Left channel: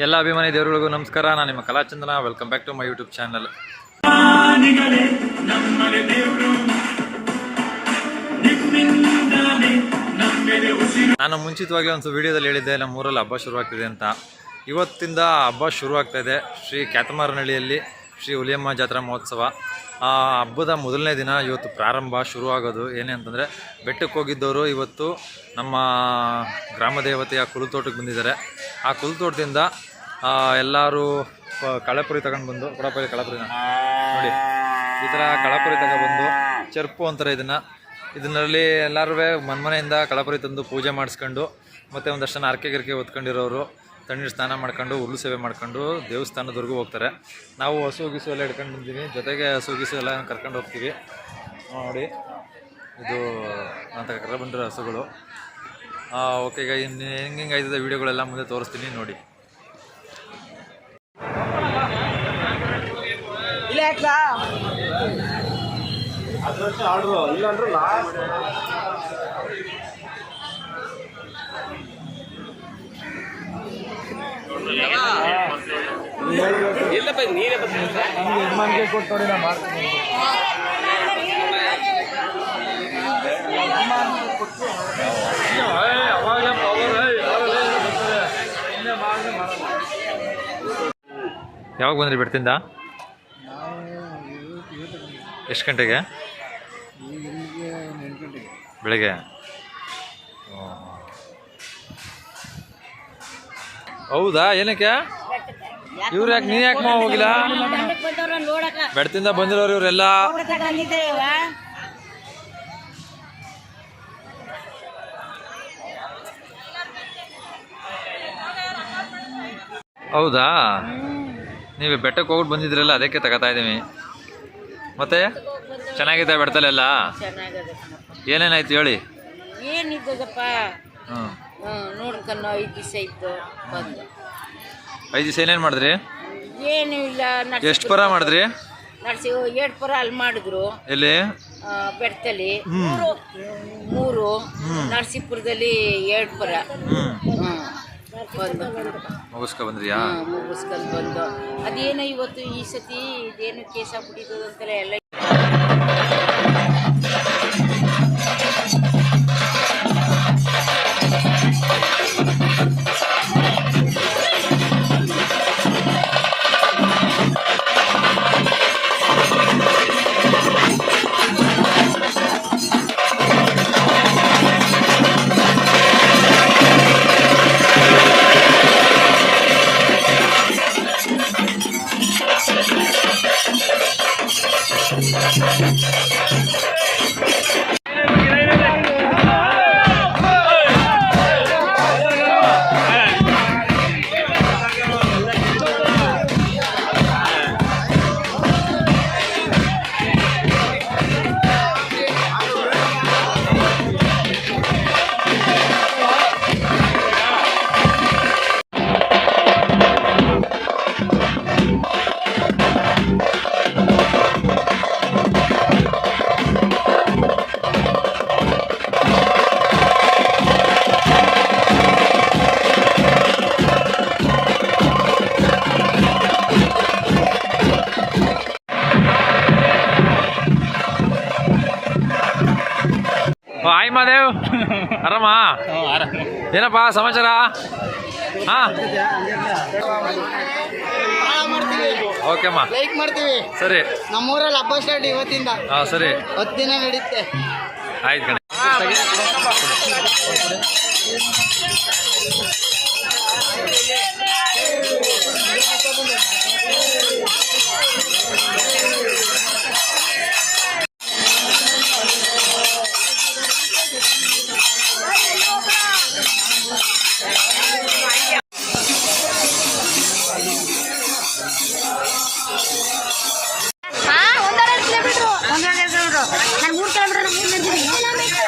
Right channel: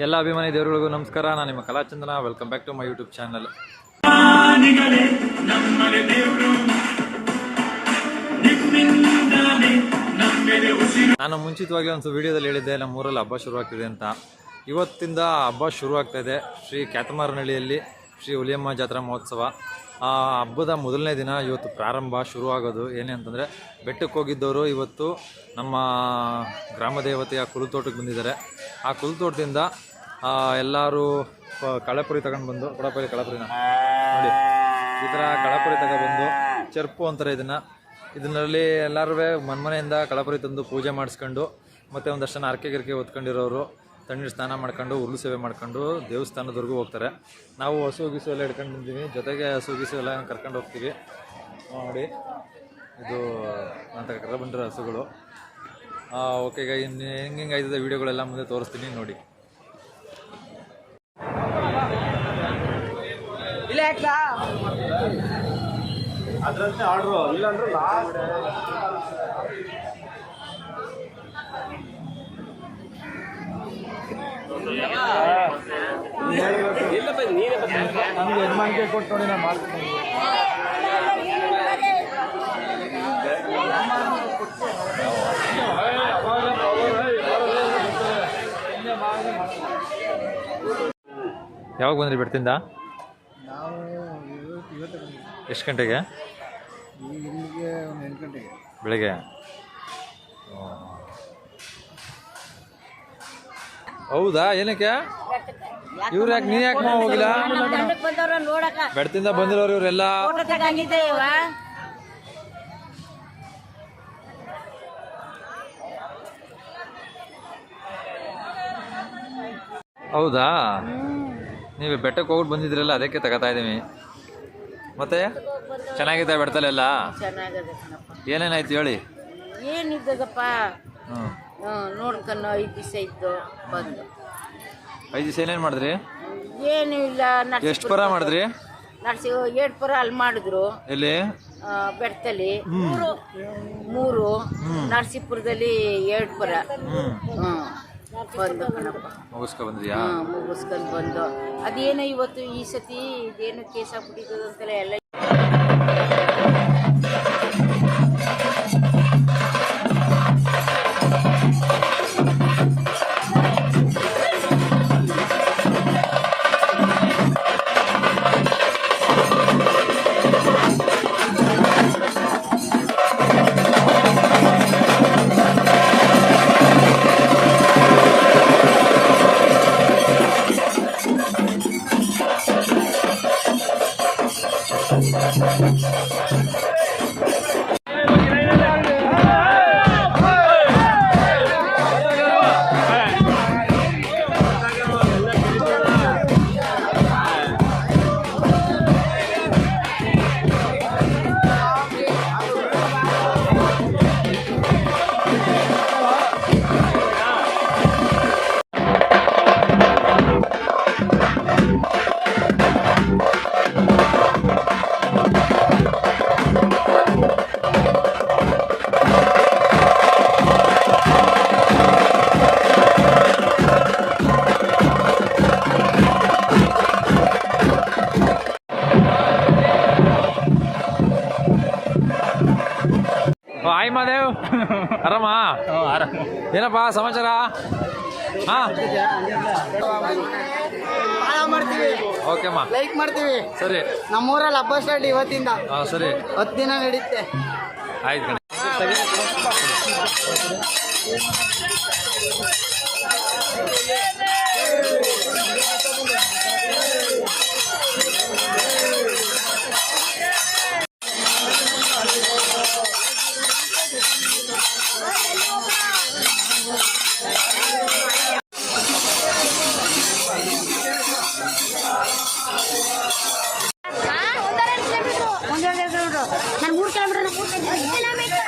ಎಲ್ಲ ಅಭಿಮಾನಿ ದೇವರುಗಳಿಗೂ ನಮಸ್ಕಾರ. ನಾನು ನಿಮ್ಮ Kalachandana. Welcome back to my YouTube channel. ನಾನು ಮುಂಚಿತವಾಗಿ ಒಂದು ವಿಡಿಯೋದಲ್ಲಿ ಹೇಳಿದ್ದೆ ನಮ್ಮೂರಲ್ಲಿ ಹಬ್ಬ ಶುರುವಾಗ್ತಿದೆ ಅಂತ. ಇವತ್ತಿಂದ ಹಬ್ಬ ಶುರುವಾಗ್ತಾಯಿದೆ ಶ್ರೀ ಕ್ಯಾತಮಾರನಹಳ್ಳಿಯಲ್ಲಿ ಶ್ರೀ ಹುಲಿಯಮ್ಮ ಜಾತ್ರಾ ಮಹೋತ್ಸವ. ಆ ಹಬ್ಬದ ಮೊದಲನೇ ದಿನ ಇವತ್ತು ಪ್ರಾರಂಭ ಶುರುವಾಗೋದು. ಏನೇ ಅಂತಂದರೆ ಬೆಟ್ಟಕ್ಕೆ ಹೋಗಿದ್ದವರು ಇವತ್ತು ನಮ್ಮ ಗ್ರಾಮ ದೇವತೆಯ ಕುಲತೋಟಕ್ಕೆ ಬಂದಿದ್ದಾರೆ. ಆ ಕುಲತೋಟದಿಂದ ಎಲ್ಲರೂ ಕಳೆಪುರಿ ತಗೊಂಡು ಬಂದು ಕೊಡಪಲ್ಲಿ ಕಳೆಪುರಿನ ನೋಡಿ ಈ ಥರ ಕಳೆಪುರಿ ತಗೊಬಂದು ಚರ್ಪು ಅಂತಾರೆ ಇದನ್ನಲ್ಲಿ ಎಲ್ಲರೂ ಮನೆಯಿಂದ ಕಳೆಪುರಿ ತಂದು ಪೂಜೆ ಮಾಡಿಸ್ಕೊಂಡು ಮತ್ತು ಒಂದಷ್ಟು ಜನ ಅರ್ಕೆ ಗಿರ್ಕೆ ಹೊತ್ಕೊಂಡಿರೋರು ತಣ್ಣೀರು ಸ್ನಾನ ಮಾಡ್ಕೊಂಡು ಹುಲ್ಲು ಸೇವೆ ಮಾಡ್ಕೊಂಡು ದೇವಸ್ಥಾನದವರೆಗೂ ಹೋಗ್ತಾರೆ. ನಾವು ಹಸು ಗಿಸು ಎಲ್ಲ ಹಿಡ್ಕೊಂಡು ಬಂದೀವಿ, ಜೊತೆಗೆ ಹಸು ಗಿಸು ಎಲ್ಲ ಕರ್ಕೊಂಡು ಹೋಗ್ತೀವಿ. ನೋಡಿ ಇದು ಅಂತ ಕರ್ಕೊಂಡು ಬಂದಿರೋ ಹಸುಗಳು. ಓಕೆ, ಈಗ ಇನ್ನು ಹೆಂಗೆ ಆಯ್ತದೆ ವೀಡಿಯೋಗಳೆಲ್ಲ ಮುಂದೆ ತೋರಿಸ್ತೀನಿ ನೋಡಿ. ಯಾವಾಗ ಬಂದ್ರಿ ಬೆಟ್ಟದಿಂದ? ಎಷ್ಟು ಗಂಟೆಗೆ? ಬೆಳಗ್ಗೆ. ಹೌದಾ? ಏನಕ್ಕೆ ಇವ್ರು ಯಾಕೆ ನೀನು ಯಾಕೆ ಹೋಗಿಲ್ಲ? ಬೆಟ್ಟದಿಂದ ಬಂದಿರೋರು ಇವರೆಲ್ಲ. ಹೌದಾ? ನೀವು ಬೆಟ್ಟಕ್ಕೆ ಹೋಗ್ಬಿಟ್ಟು ಬಂದಿದ್ರಲ್ಲ, ಅದಕ್ಕೆ ತಗೋತಾ ಇದ್ದೀವಿ. ಮತ್ತೆ ಚೆನ್ನಾಗಿದೆ ಬೆಟ್ಟದಲ್ಲೆಲ್ಲ? ಏನೇನಾಯ್ತು ಹೇಳಿ. ಏನಿದ್ದದಪ್ಪ ನೋಡ್ಕೊಂಡು 5 ದಿವಸ ಇದ್ದು ಬಂದು. 5 ದಿವಸ ಏನೇನು ಮಾಡಿದ್ರಿ? ಏನು ಇಲ್ಲ. ಎಷ್ಟು ಪರ ಮಾಡಿದ್ರಿ? ನಡೆಸಿ 2 ಪರ ಅಲ್ಲಿ ಮಾಡಿದ್ರು. ಎಲ್ಲಿ? ಬೆಟ್ಟದಲ್ಲಿ 3, ನರಸೀಪುರದಲ್ಲಿ 2 ಪರ ಬಂದು ಮುಗಿಸ್ಕೊ ಬಂದ್ರಿಯಾ? ಮುಗಿಸ್ಕೊಂಡು ಬಂದು. ಅದೇನೋ ಇವತ್ತು ಈ ಸತಿ ಇದೇನು ಕೇಸ ಬಿಟ್ಟಿದ್ದು ಅಂತೆಲ್ಲ ಎಲ್ಲ. ಹಾಯ್ ಮಾದೇವ್, ಆರಾಮ? ಏನಪ್ಪ ಸಮಾಚಾರ? ಓಕೆ ಅಮ್ಮ, ಲೈಕ್ ಮಾಡ್ತೀವಿ. ಸರಿ. ನಮ್ಮೂರಲ್ಲಿ ಹಬ್ಬ ಸ್ಟಾರ್ಟ್ ಇವತ್ತಿಂದ. ಸರಿ, 10 ದಿನ ನಡೀತೆ. ಆಯ್ತು ಕಣೆ. ನಾನು 3 ಕಿಲೋಮೀಟರ್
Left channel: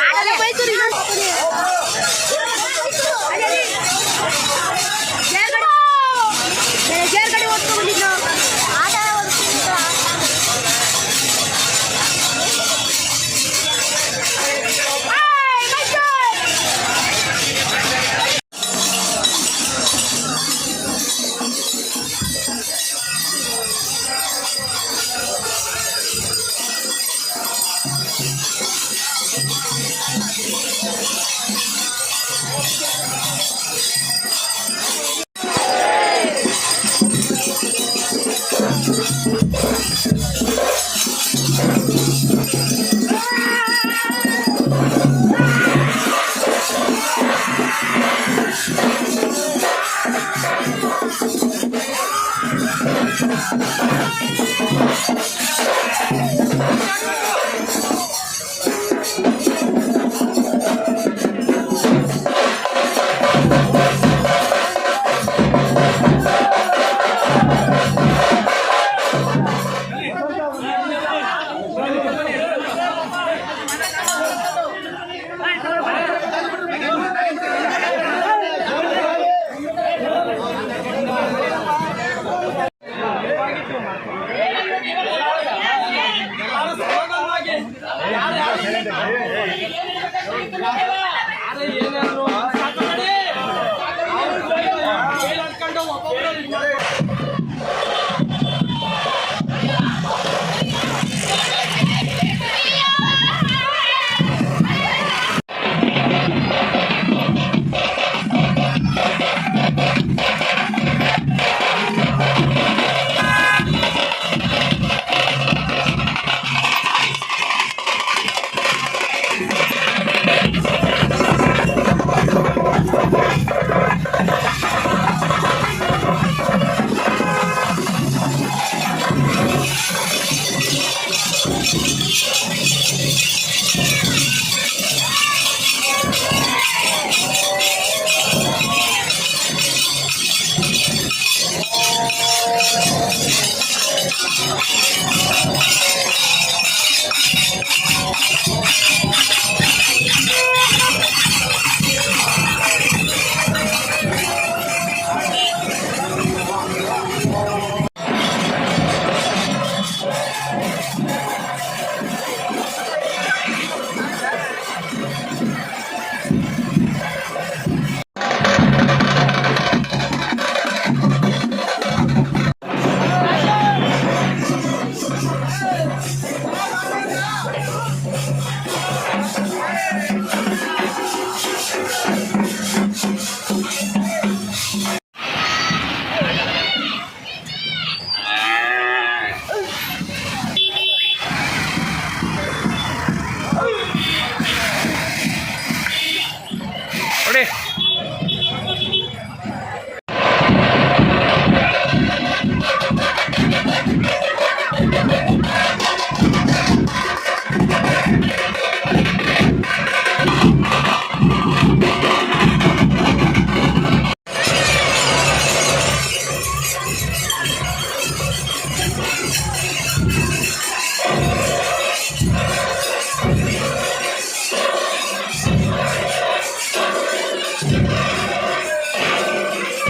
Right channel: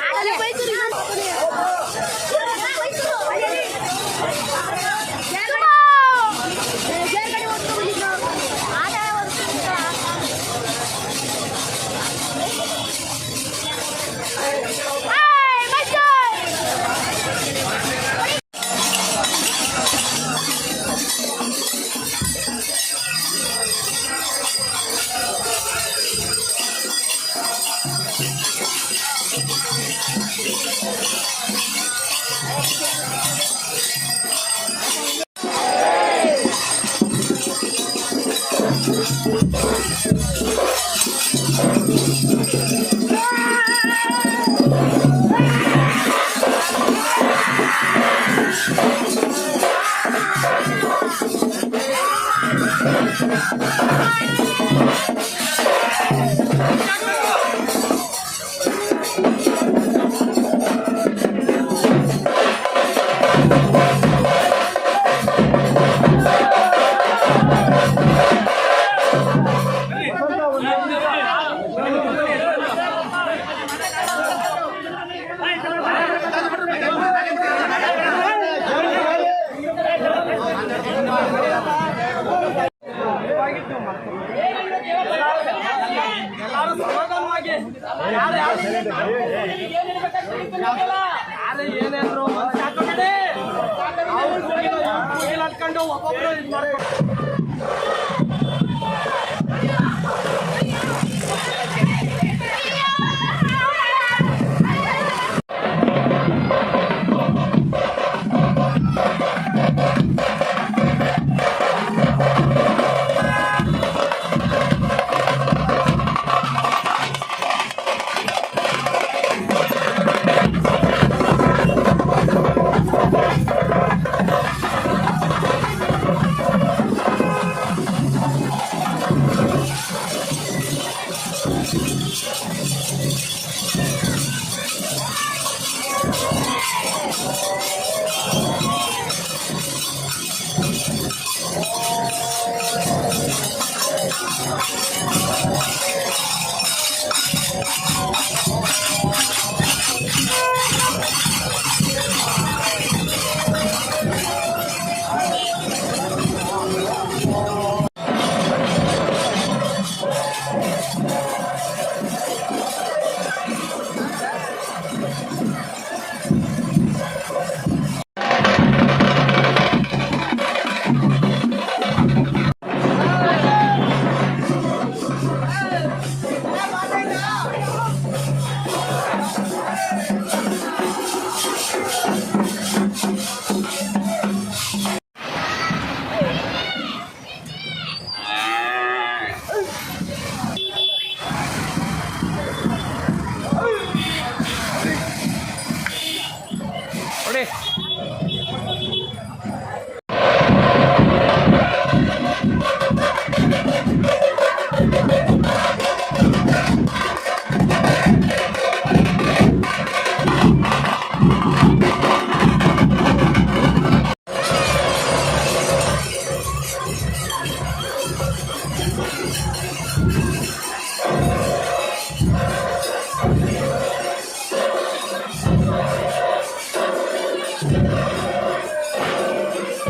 ನೋಡಿ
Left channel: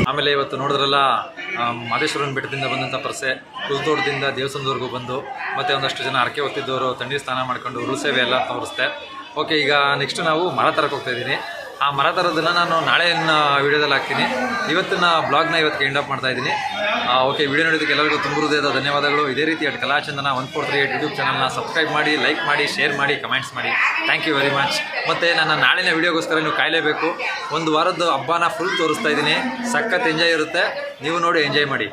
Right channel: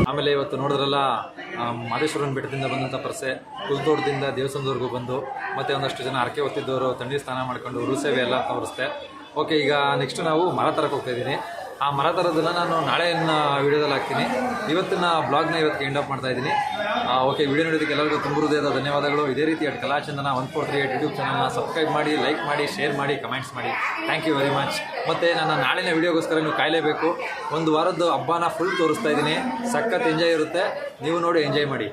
ಆಮೇಲೆ ಇವತ್ತು ನೋಡಿದ್ರಲ್ಲ ಮಾದೇಶ್ವರನ ಬೆಟ್ಟದಿಂದ ಬಂದಂಥ ಪರ್ಸೆ ಕುಲ್ತೋಟದಿಂದ ದೇವಸ್ಥಾನದವರೆಗೂ ಬಂದು ಮತ್ತು ಒಂದಷ್ಟು ಜನ ಹರಕೆ ಹೊತ್ತಿದ್ದವರು ತಣ್ಣೀರು ಸ್ನಾನ ಮಾಡ್ಕೊಂಡು ಉರುಳು ಸೇವೆ ಎಲ್ಲ ತೋರಿಸ್ದೆ. ಓಕೆ, ಈಗ ನೆಕ್ಸ್ಟ್ ನಾವು ಮರ ತರಕ್ಕೆ ಹೋಗ್ತಾಯಿದ್ದೀನಿ. ಆ ಮರ ತರೋದನ್ನು ನಾನು ನಾಳೆನ ವೀಡಿಯೋದಲ್ಲಿ ಹಾಕ್ತೀನಿ. ಇವತ್ತಿನ ಬ್ಲಾಗ್ನ ಇವತ್ತಿಗೆ ಎಂಡ್ ಅಪ್ ಮಾಡ್ತಾಯಿದ್ದೀನಿ. ಓಕೆ, ವಿಡಿಯೋ ನೋಡೋದಕ್ಕೆ ಎಲ್ಲರಿಗೂ ತುಂಬ ಹೃದಯದ ಧನ್ಯವಾದಗಳು. ಇದೇ ರೀತಿ ಕಲಾಚಂದನ 143 ಯೂಟ್ಯೂಬ್ ಚಾನಲ್ನ ಸಬ್ಸ್ಕ್ರೈಬ್ ಮಾಡಿ, ಲೈಕ್ ಮಾಡಿ, ಶೇರ್ ಮಾಡಿ, ಕಮೆಂಟ್ಸ್ ಮಾಡಿ. Thank you very much. ಮತ್ತು ನನ್ನ ನಾಳಿನ ವೀಡಿಯೋಗೋಸ್ಕರ ನೀವು ಕಾಯಲೇಬೇಕು. ಒಂದು ವಾರದ್ದು ಹಬ್ಬನ ಫುಲ್ ತೋರಿಸ್ತಾ ಇದ್ದೀನಿ. ಸಖತ್ ಎಂಜಾಯ್ ಇರುತ್ತೆ, ನೀವು ನೋಡಿ ಎಂಜಾಯ್ ಮಾಡಿ.